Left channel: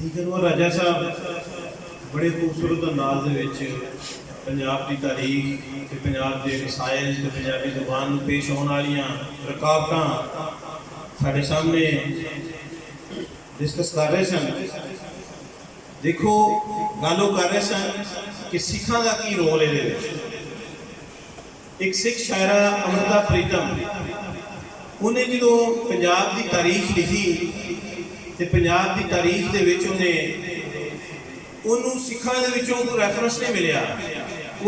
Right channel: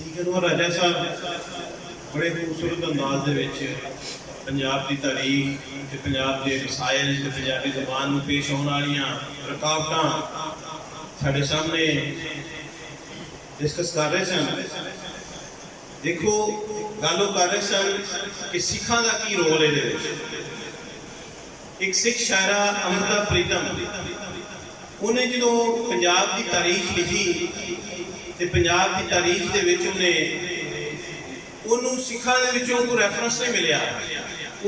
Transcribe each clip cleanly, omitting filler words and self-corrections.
ठीक है वो राजा साहब बड़े खूबसूरत अंदाज दे विच पंजाब की तारीख ते पंजाब के मसाइल ते पंजाबी ज़बान में पेश होने वाली रुकावटां साढ़े सामने डिस्कस कर रहे सन। देखो गल कर रहे सन कि सिखां दा की रोल है। एक सिख शायरा अमृता प्रीतम उन्हें जो पंजाब की तारीख लिखी तो पंजाब की तारीख के उन्होंने सिखां दे विचों कोई रैफरेंस नहीं मिलिया।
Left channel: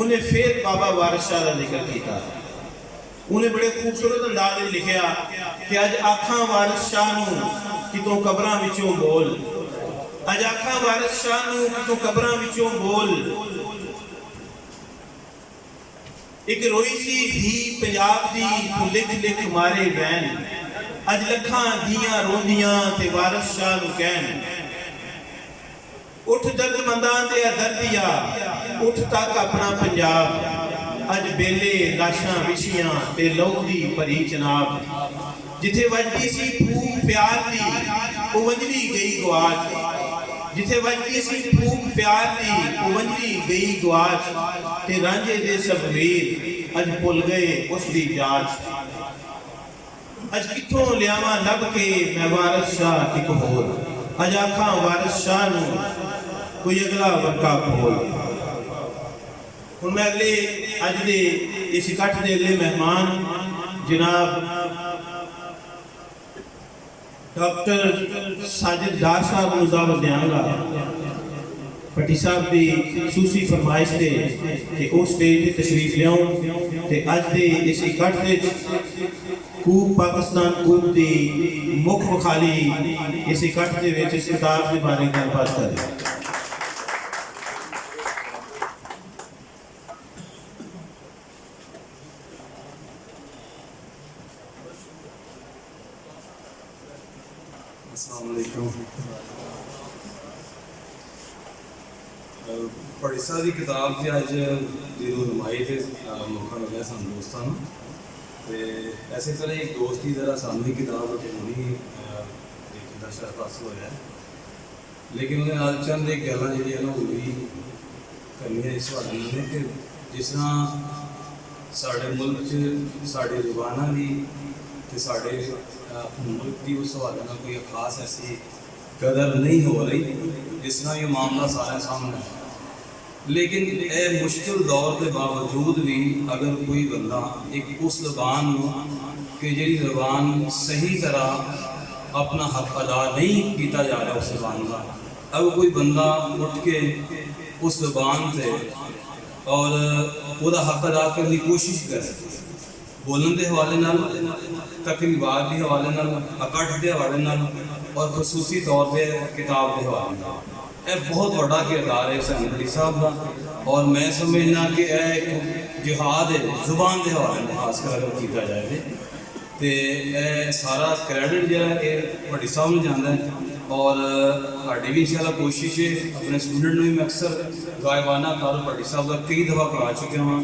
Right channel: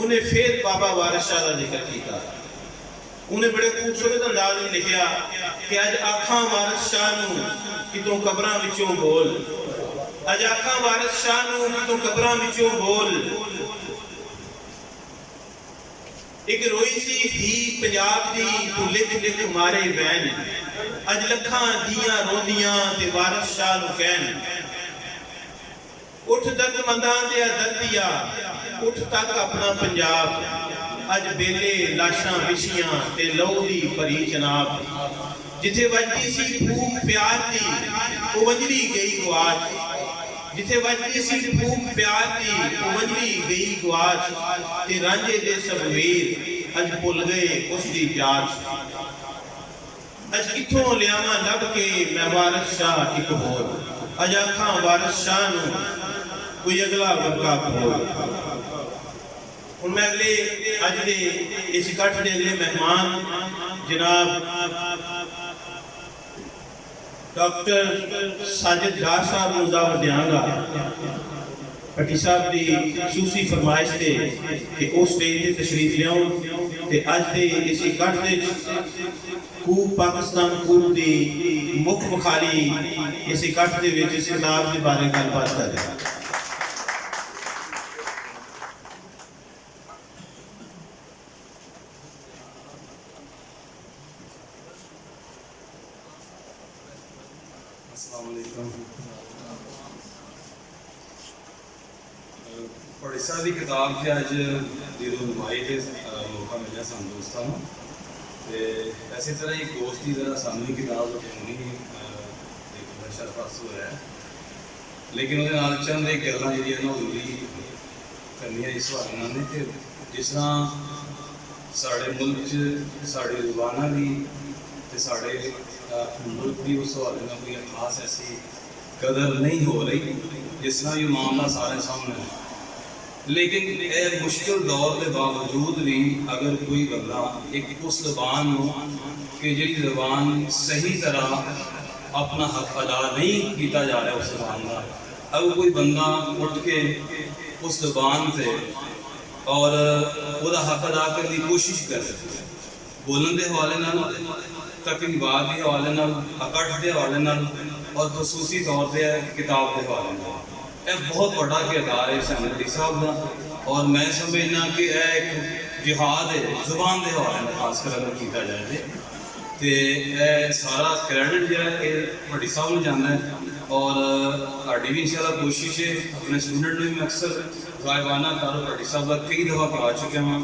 उन्हें फिर बाबा वारिस शाह का जिक्र किया। उन्हें बड़े खूबसूरत अंदाज में लिखा कि अज आखां वारिस शाह नूं कितों कबरां विचों बोल, अज आखां वारिस शाह नूं कितों कबरां विचों बोल। एक रोई सी धी पंजाब दी तू लिख लिख मारे वैन, अज लखां धीआं रोंदियां ते वारिस शाह नूं कहन। उठ दर्दमंदां ते दर्दिया उठ तक अपना पंजाब, अज बेले लाशां विछियां ते लहू दी भरी चनाब। जिथे वजदी सी फूक प्यार दी ओ वंजरी गई गुआच, जिथे वजदी सी फूक प्यार दी ओ वंजरी गई गुआच। ते रांझे दे सब वीर अज भुल गए उसदी जाच, अज किथों लियावां लभ के मैं वारिस शाह एक होर। अज आखां वारिस शाह नूं कोई अगला वर्का खोल। हुण मैं अगले अज दे इस इकट्ठ दे अगले मेहमान जनाब डॉक्टर साजिद डार साहब नूं दावत देंगा। भट्टी साहब की सूसी फरमाइश से कि वो स्टेज पर तशरीफ लियाओ ते अज दे इस इकट्ठ दे कूब पाकिस्तान कूब की मुख मुखाली इस इकट्ठ दे विच इस किताब के बारे गलबात करें। पढ़िसा की किताब से अज की रुनमाई से मौका मिले सू दोस्तों तो इस तरह एक दोस्त की तरह सानू ही किताब नहीं एक नशा पास हो रहा है, लेकिन वो चंद एक गल्लां जिहड़ियां ना जरूरी करनियां इस हवाले नाल ने कि जिस तरह साडे मुल्क च साडी ज़ुबानां दी ते साडे मुल्क की उस हवाले नाल कोई खास ऐसी कदर नहीं हो रही जिस तरह ये मामला सारे सामने है। लेकिन यह मुश्किल दौर के बावजूद भी अगर कोई बंदा एक उस ज़बान कि जी ज़बान सही तरह अपना हक अदा नहीं किया जा रहा उस ज़बान का, अगर कोई बंदा उठ के उस ज़बान से और वह हक अदा करने की कोशिश कर बोलन के हवाले नाल, तकरीबात के हवाले नाल, इकट्ठ के हवाले नाल और खसूसी तौर पर किताब के हवाले नाल, यह बहुत बड़ा किरदार है सैनिक साहब का। और मैं समझना कि यह एक जिहाद है जुबान के हवाले में खासकर अगर किया जाए तो यह सारा क्रैडिट जो है भट्टी साहब में जाना है। और साड़ी भी इंशाल्लाह कोशिश है अपने स्टूडेंट में मैं अक्सर गायबाना तार भट्टी साहब का कई दफ़ा पढ़ा चुका हाँ।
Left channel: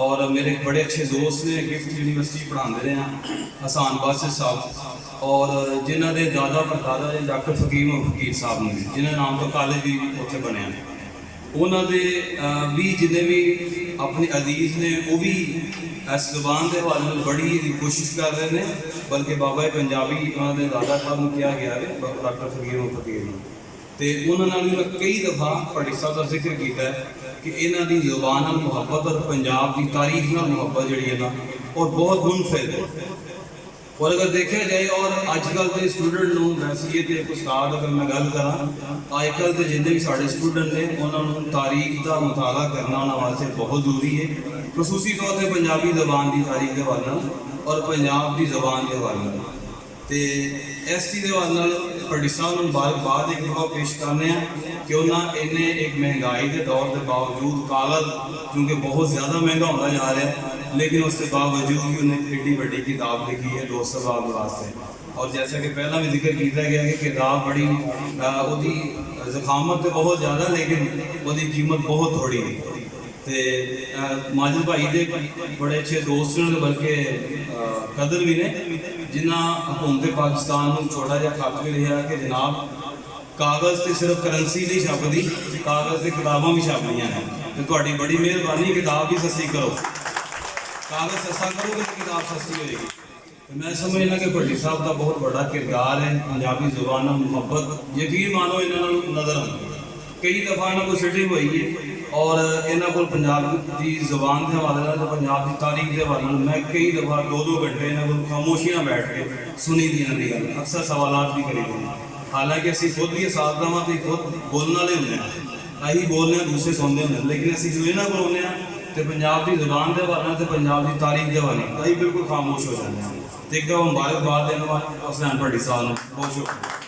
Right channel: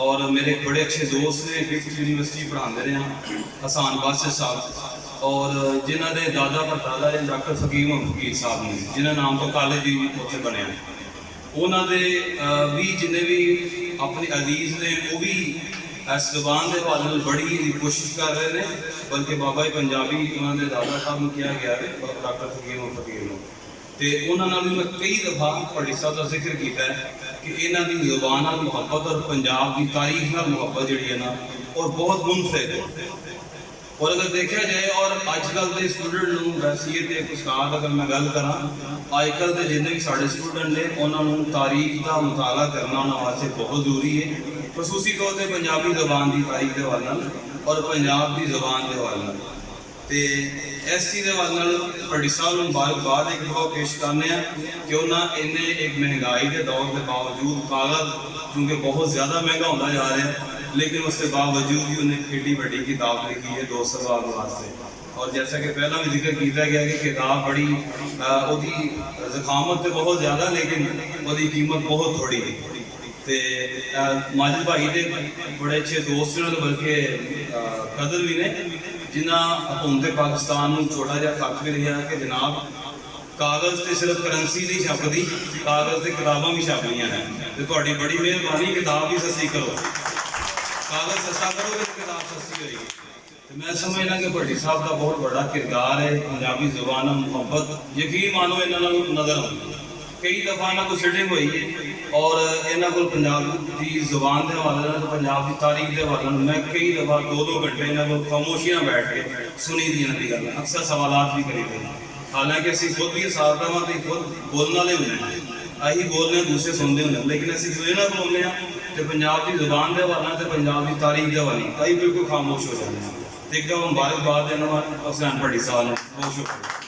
और मेरे एक बड़े अच्छे दोस्त ने गिफ्ट यूनिवर्सिटी पढ़ाते रहे हैं हसान बासित साहब, और जिन्हों के दादा परदादा है डॉक्टर फकीर फकीर साहब ने जिन्होंने नाम पर कॉलेज भी उत्थे बने। उन्होंने भी जिन्हें भी अपने अजीज़ ने वो भी इस ज़बान के हवाले बड़ी कोशिश कर रहे हैं, बल्कि बाबा पंजाबी उन्होंने दादा साहब को किया गया है डॉक्टर फकीर तो उन्होंने भी मैं कई दफ़ा भट्टी साहब का जिक्र किया है कि इन्हों की ज़ुबान नाल मुहब्बत और पंजाब की तारीख नाल मुहब्बत जी है ना और बहुत मुनफिद है। और अगर देखा जाए और अजकल के स्टूडेंट वैसे तो एक उस्ताद अगर मैं गल करा अजकल के जिन्हें भी साढ़े स्टूडेंट ने उन्होंने तारीख का मुताला करना उन्होंने वास्ते बहुत जरूरी है, खसूसी तौर पर पंजाबी ज़बान की तारीख के हवाले और पंजाब की ज़बान के हवाले तो इस चीज़ के हवाले भट्टी साहब मुबारकबाद एक दफ़ा पेश करने कि उन्हें इन्हें एक महंगाई के दौर के बावजूद कागज़ क्योंकि बहुत ज़्यादा महंगा होता जा रहा है, लेकिन उसके बावजूद भी उन्हें एड्डी बड़ी किताब लिखी है 200 साल वास्ते। और जैसा कि पहला भी जिक्र किया गया कि किताब बड़ी उसकी ज़खामत तो बहुत ज़्यादा लेकिन उसकी कीमत बहुत थोड़ी तो माजिद भाई के बड़े अच्छे दोस्त ने बल्कि कदर भी ने जिन्हें हुकूमत पाकिस्तान छोटा जहा खत भी लिखा कि जनाब ਕਾਗਜ਼ ਤੇ ਸਿਰਫ ਕਰੰਸੀ ਨਹੀਂ ਛਪਦੀ, ਕਾਗਜ਼ ਤੇ ਕਿਤਾਬਾਂ ਵੀ ਛਪਦੀਆਂ ਨੇ। ਤੇ ਤੁਹਾਡੀ ਬੜੀ ਮਿਹਰਬਾਨੀ, ਕਿਤਾਬ ਵੀ ਸਸਤੀ ਕਰੋ, ਕਾਗਜ਼ ਸਸਤਾ ਕਰੋਗੇ ਤੇ ਕਿਤਾਬ ਸਸਤੀ ਹੋਏਗੀ। ਤੇ ਮੈਂ ਸਮਝਦਾ ਕਿ ਭੱਟੀ ਸਾਹਿਬ ਦਾ ਬਹੁਤ ਵੱਡਾ ਕਿਰਦਾਰ ਹੈ ਪੰਜਾਬੀ ਜ਼ੁਬਾਨ ਨਾਲ ਮੁਹੱਬਤ। ਯਕੀਨ ਮਾਨੋ ਇਹਨਾਂ ਨੂੰ ਨਜ਼ਰ ਆਉਂਦੀ, ਕਈ ਦਫਾ ਇਹਨਾਂ ਕੋਲ ਸਿਟਿੰਗ ਹੋਈ ਹੈ ਔਰ ਇਹਨਾਂ ਕੋਲ ਪੰਜਾਬ ਦੀ ਜ਼ੁਬਾਨ ਦੇ ਹਵਾਲੇ ਨਾਲ, ਪੰਜਾਬ ਦੀ ਤਾਰੀਖ ਦੇ ਹਵਾਲੇ ਨਾਲ ਮੈਂ ਕਈ ਦਫਾ 2-2 ਘੰਟੇ ਇਹਨਾਂ ਕੋਲ ਖਾਮੋਸ਼ੀ ਨਾਲ ਬੈਠ ਕੇ ਸੁਣੀ ਦੀਆਂ ਦੀ ਗੱਲ, ਅਕਸਰ ਸਵਾਲਾਤ ਵੀ ਕਰੀ ਹੋਏ। ਹਾਲਾਂਕਿ ਅਸੀਂ ਖੁਦ ਵੀ ਸਾਥਦਾਵਾਂ ਤੇ ਖੁਦ ਬੋਲਣ ਵਾਲੇ ਹੁੰਦੇ ਹਾਂ, ਅਸੀਂ ਬੋਲਦੇ ਹਾਂ ਦੂਸਰੇ ਸੁਣਦੇ ਹੁੰਦੇ, ਲੇਕਿਨ ਅਸੀਂ ਜਦੋਂ ਇਹਨਾਂ ਕੋਲ ਆਉਂਦੇ ਹਾਂ ਤੇ ਪੰਜਾਬ ਦੀ ਜ਼ੁਬਾਨ ਦੇ ਹਵਾਲੇ ਨਾਲ ਤੇ ਪੰਜਾਬ ਦੀ ਤਾਰੀਖ ਦੇ ਹਵਾਲੇ ਨਾਲ ਅਸੀਂ ਬਿਲਕੁਲ ਖਾਮੋਸ਼ ਹੋ ਜਾਂਦੇ ਹਾਂ। ਤੇ ਇੱਕ ਮੁਬਾਰਕਬਾਦ ਦੇਣਾ ਹੁਸੈਨ ਭੱਟੀ ਸਾਹਿਬ ਨੂੰ, ਬਹੁਤ ਸ਼ੁਕਰੀਆ।